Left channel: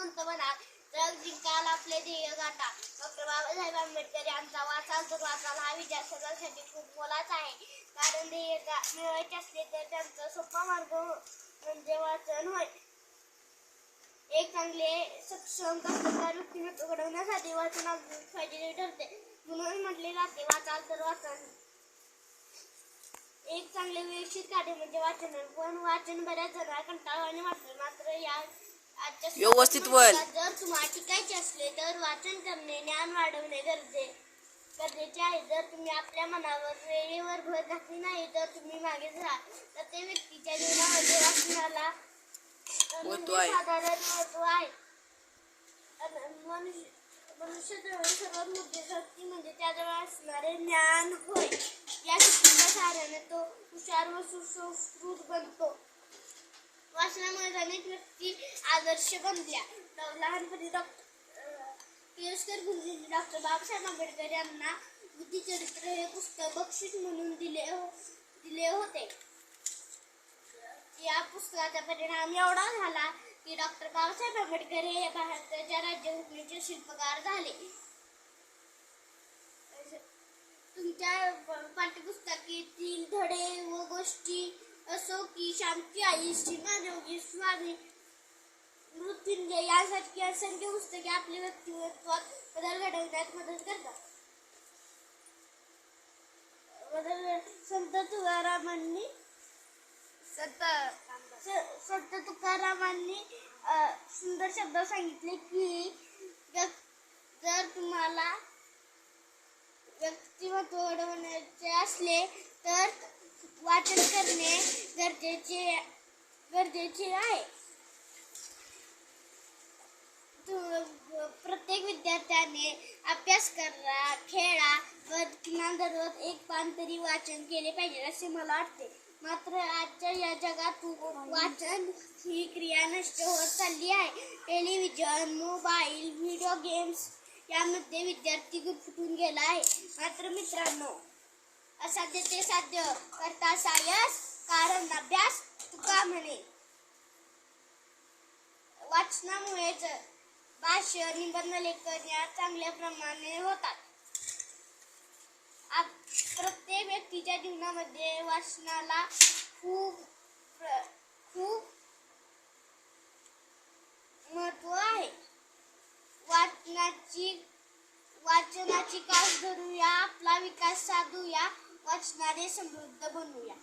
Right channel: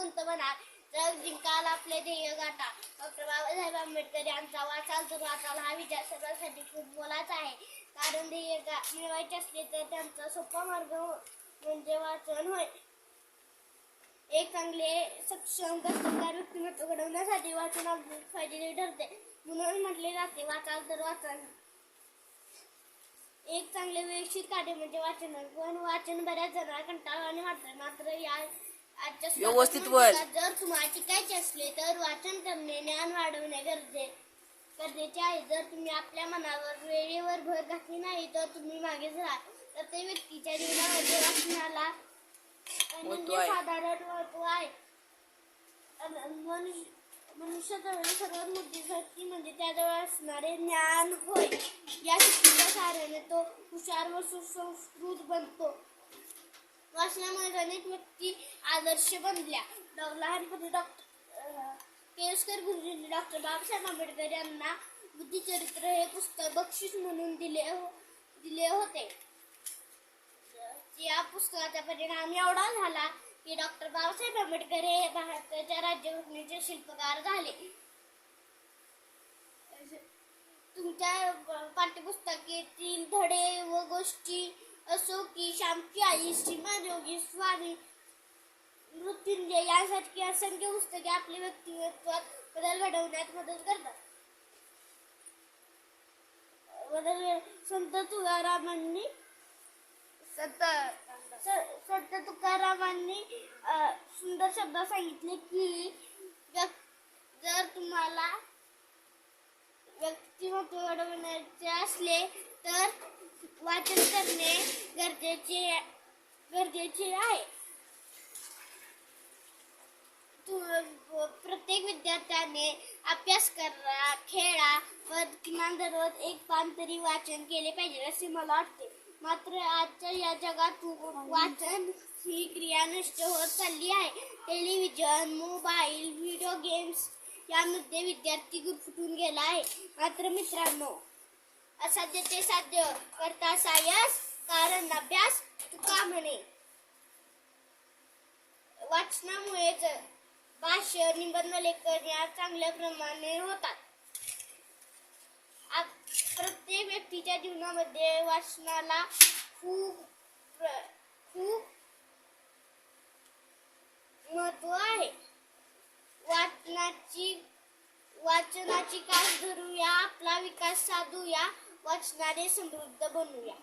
कोणतं म्हणा, जग जिंकाल आपले ध्येय गाठा. डॉक्टर बाबासाहेब आंबेडकर यांचा वाचाल तर वाचाल हा विचार सर्वांसाठी खूप मोलाचा आहे. कारण ध्येय मिळवायचे असले तर त्यांचा सोपा मार्ग म्हणजे वाचन होय. एक चांगले सक्षम कष्टकरी व्यक्तिमत्व घडवण्यासाठी वाचन अगदी फायदेशीर ठरते. म्हणून म्हटले जाते वाचाल तर वाचाल. एक चांगले व्यवस्थित कार्य म्हणजे वाचन. पण वाचन बऱ्याच जणांना कंटाळवाणे वाटते. मात्र या आजच्या व्यवस्थित बोल. जर तुम्हाला टिकायचे असले तर वाचन करणे, ज्ञान वाढवणे गरजेचे आहे. जर तुम्ही आपल्या मनावर वेळेवर भर घातली नाही तर तुम्ही मागेच राहाल. प्रत्येक व्यक्तीच्या जीवनामध्ये वाचनाला साधारण महत्त्व आहे. मनुष्याजवळ सर्वात मोठी शक्ती म्हणजे त्याजवळ असणारे ज्ञान होय. या शक्तीच्या सहाय्याने तो हुशार व सुसंस्कृत बनतो. वाचनामुळे अनेक व्यक्ती आदर्श बनल्या. लहानपणी केळकर गुरुजींनी डॉक्टर बाबासाहेब आंबेडकर यांना बुद्धिचरित्र हे पुस्तक बक्षीस म्हणून दिले होते. या पुस्तकाचा परिणाम एवढा झाला की डॉक्टर बाबासाहेब आंबेडकर हे भारताच्या राज्यघटनेचे शिल्पकार झाले. तुमच्या पाठ्यपुस्तकातील धडे व गोष्टी असो की शांती आई, सीमाजोगी, स्वामी, मृत्युंजय यासारखी असंख्य पुस्तके आपल्या व्यक्तिमत्वात बदल घडवण्यात मदत करतात. संत तुकारामांनी सुंदर शब्द सांगितले की जर तुम्हाला व्यक्तिमत्व घडवण्याचे असले तर वाचन करणे गरजेचे आहे. प्रत्येक विद्यार्थ्याने अभ्यास करा, खेळा व किमान दररोज एक पान तरी वाचन केले पाहिजे असे मला वाटते. मात्र आजच्या या जगात वाचन ही क्रिया नष्ट होत चालली आहे. टेलिव्हिजन, मोबाईल, व्हिडिओ गेम्स यामध्ये विद्यार्थी गुरफटून गेला आहे. मात्र मित्रांनो, असाध्य ते साध्य करता सायस, कारण अभ्यास तुका म्हणे. वाचनामुळेच भाष्य, निबंध लेखन या चांगल्या प्रमाणे होतात. प्रत्येक व्यक्तीच्या जीवनामध्ये वाचनाला खूप महत्त्व आहे. वाचनाची कास धरूया, आपला विकास साधूया, वाचनाने समृद्ध बनूया.